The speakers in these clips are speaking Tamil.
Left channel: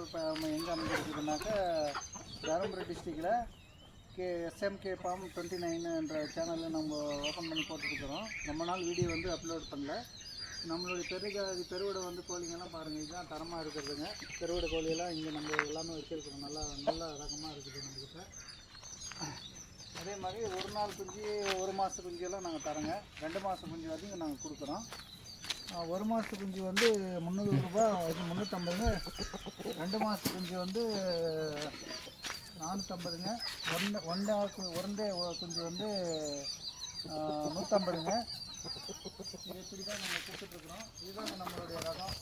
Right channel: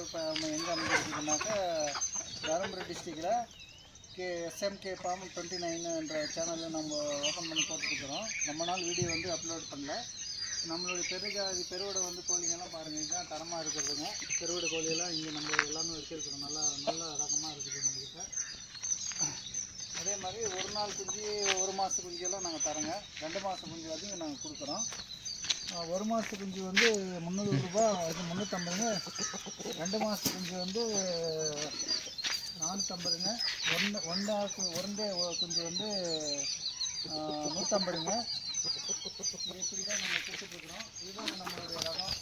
எங்கே அமைஞ்சிருக்குதுனாக்கா தருமபுரி டிஸ்ட்ரிக்டில் எஸ்எம்கே ஃபார்ம் 29 என்ற சேனலில் நம்ம ஓப்பன் பண்ணி போட்டுருக்குறோம். ரொம்ப நாள் வீடியோ வந்து அப்லோட் பண்ணல. நம்மளுடைய பெருவிடை வந்து கோழிங்கெல்லாம் பாருங்கள், இதுதான் தரமாக இருக்கிறதுங்க. பெருவிடை கோழியெல்லாம் இங்கே நம்ம எல்லாமே வச்சுருக்கோம். நல்ல ரகமாக இருக்குது நம்மக்கிட்ட. அதே மாதிரி ஒரு நாள் குஞ்சு, ஒரு மாத குஞ்செல்லாம் நாங்கள் தரோங்க. 2 மாத குஞ்சு வரைக்கும் நாங்கள் கொடுக்குறோம். ஒரு மாத குஞ்சு வந்து 300 ரூபா, இது 350ங்க. 2 மாத குஞ்சு வந்து 450ங்க. ஒன்றே குஞ்சு வந்து 150ங்க. இப்படி தான் நம்ம கொடுத்துட்ருக்குறோம். இதுதாங்க நம்மளுடைய ரகம்.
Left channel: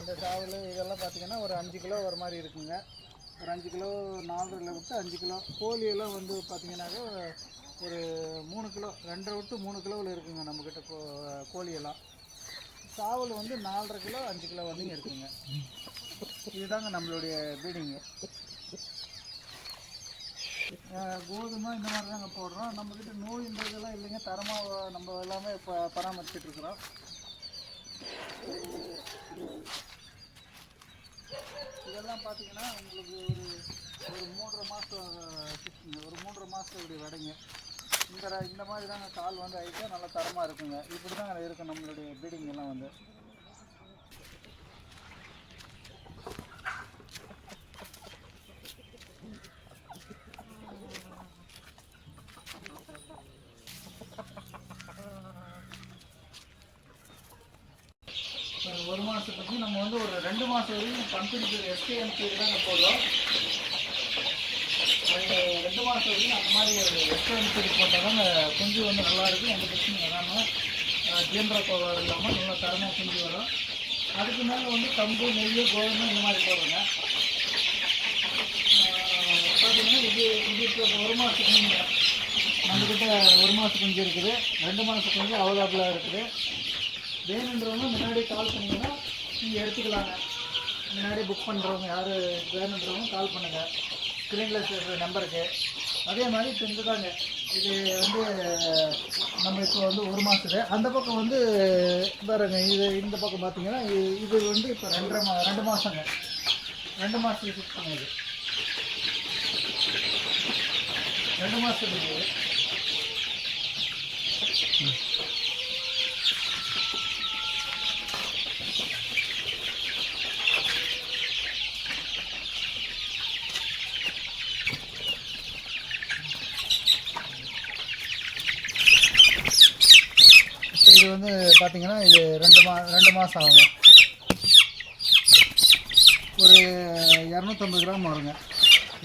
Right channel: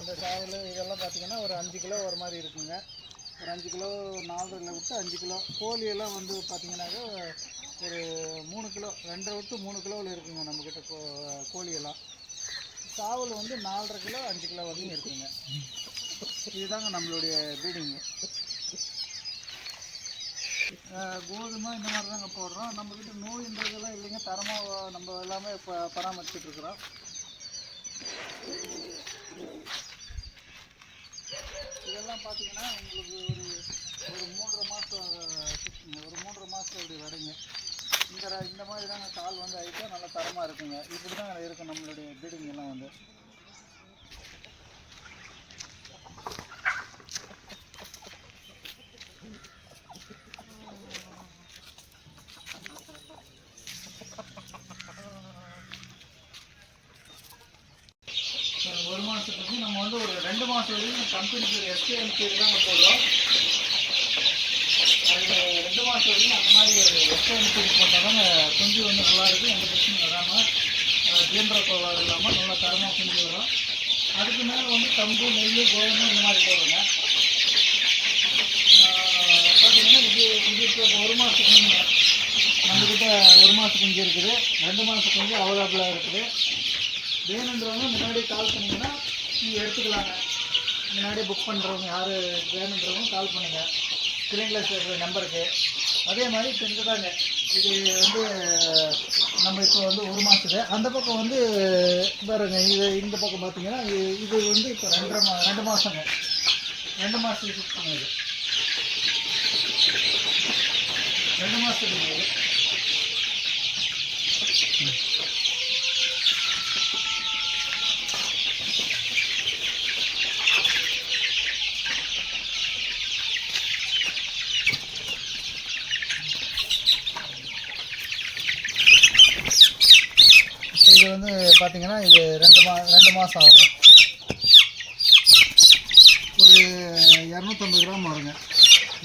இந்த சாவல் இதெல்லாம் பார்த்திங்கன்னா ஒரு 5 கிலோ ஒரு மாதிரி இருக்குங்க. ஒரு 5 கிலோ 4 விட்டு 5 கிலோ. கோழியெல்லாம் வந்து பார்த்திங்கனாக்கா ஒரு 3 கிலோ, 2 விட்டு 3 கிலோவில் இருக்குங்க நம்மக்கிட்ட கோழியெல்லாம். சாவல் வந்து 4.5 கிலோ 5 கிலோ வரையும் இருக்குங்க. இதுதாங்க நம்மளுடைய ப்ரீடிங்கு. கோதுமை இந்த மாதிரி தாங்க போடுறோம். நம்மக்கிட்ட நோயின்றதெல்லாம் இல்லைங்க. தரமாக நம்ம எல்லாமே இப்போ பராமரிச்சுட்ருக்குறோம். இதெல்லாம் பார்த்திங்கன்னா உங்களுக்கு ஒரு 3.5 மாதம் சிக்ஸுங்க, ஒரு 3.5 மாதம் இப்படி வடைங்க. இந்த மாதிரி தாங்க கால் வந்து ஆகிட்டா நல்லா தரமாக இருக்குங்க. இப்படி தான் இருக்கும் நம்மளுடைய ப்ரீடிங் எல்லாம் வந்து. ஒரு மாதத்துக்கு நம்ம வந்து ஒரு 2 மாதம் வரைக்கும் கம்பெனி பேர் எஸ்கேஎம்கே தாங்க போடுறோம். அது 2 மாதம் வரைக்கும் அந்த மாதிரி ஒரு எஸ்கேஎம்கே போட்டால் தாங்க குஞ்சு வந்து நல்லாயிருக்கும். எந்த பிரச்சனையும் வராமல், ஜீந்திர கோளாறு இல்லாமல் நல்லா தரமாக குஞ்சு வரும். அதுக்கு மேலே வந்து கம்பு, நெய், கோதுமை இந்த மாதிரி போடுறோங்க. பார்த்தீங்கன்னா இது இப்போ ஒரு மாதத்துக்கு குஞ்சு நம்மக்கிட்ட 1 மாத குஞ்சு இருக்குது, 2 மாத குஞ்சு அவைலபிளாக இருக்குது. வேணுன்றவங்க முன்னாடி கால் பண்ணிங்கன்னா நீங்கள் எடுத்துக்கலாங்க. முன்னாடி புக் பண்ணுறவங்க யார் வேணுன்றவங்க கால் பண்ணுங்கள் ஸ்க்ரீனில் இருக்கிற நம்பருக்கு. அதே மாதிரி இப்போ இந்த தாங்க இது வந்து நம்ம இப்போ வந்து 1 மாதத்துக்கு. அந்த பக்கம் வந்து பாருங்க, இந்த பக்கம் பார்த்தீங்கன்னா இது வந்து இப்போ 2 மாதங்க. 2 மாதத்துக்கு ஃபிக்ஸ் பண்ணுது. 2 மாதத்துக்கு இது வந்து பார்த்திங்கன்னா இது 2 மாதம் ஆகுங்க. ஒரு 250 கிராம் வருங்க.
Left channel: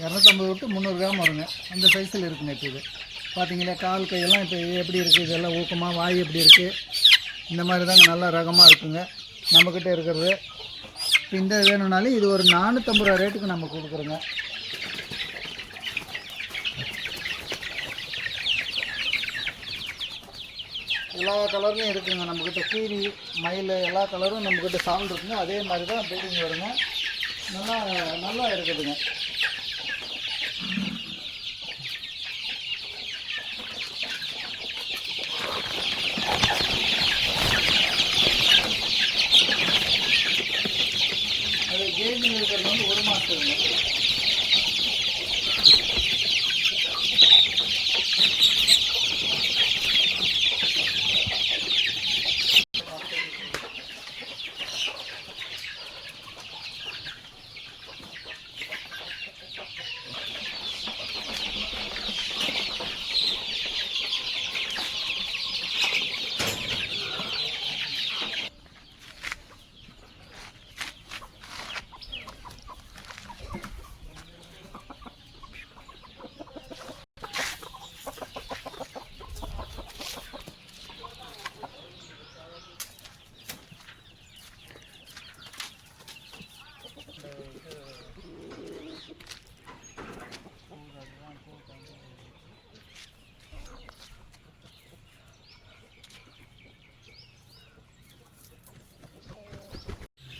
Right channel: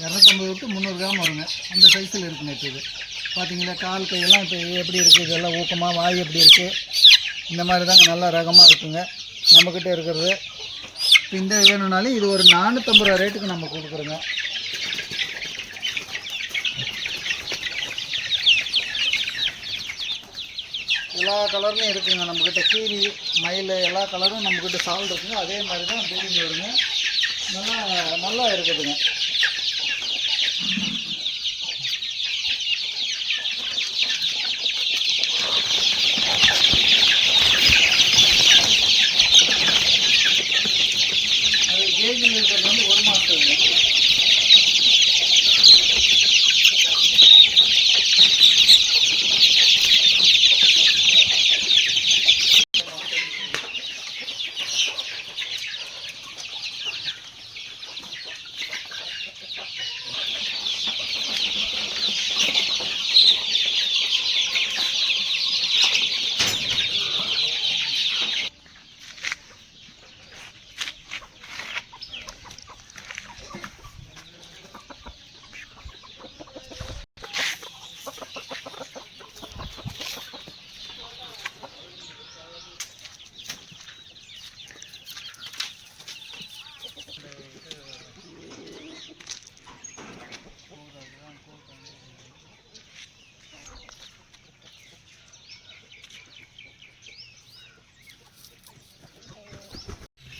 250 விட்டு 300 கிராம் வருங்க. அந்த சைஸில் இருக்குங்க. இப்போ இது பார்த்திங்கன்னா கால் கையெல்லாம் இப்போ எப்படி இருக்குது, இதெல்லாம் ஊக்கமாக, வாய் எப்படி இருக்குது, இந்த மாதிரி தாங்க நல்லா ரகமாக இருக்குங்க நம்மக்கிட்ட இருக்கிறது. இப்போ இந்த வேணும்னாலும் இது ஒரு 450 ரூபா ரேட்டுக்கு நம்ம கொடுக்குறோங்க. எல்லா கலருமே இருக்குங்க நம்மக்கிட்ட. கீரி, மயில் எல்லா கலரும் நம்மக்கிட்ட சால் இருக்குங்க. அதே மாதிரி தான் ப்ரீடிங் வருங்க. நல்லா இருக்குதுங்க. அது கேஜில் இருக்கிறது வந்து 1 மாதத்துக்குங்க.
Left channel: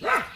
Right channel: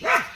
Yeah.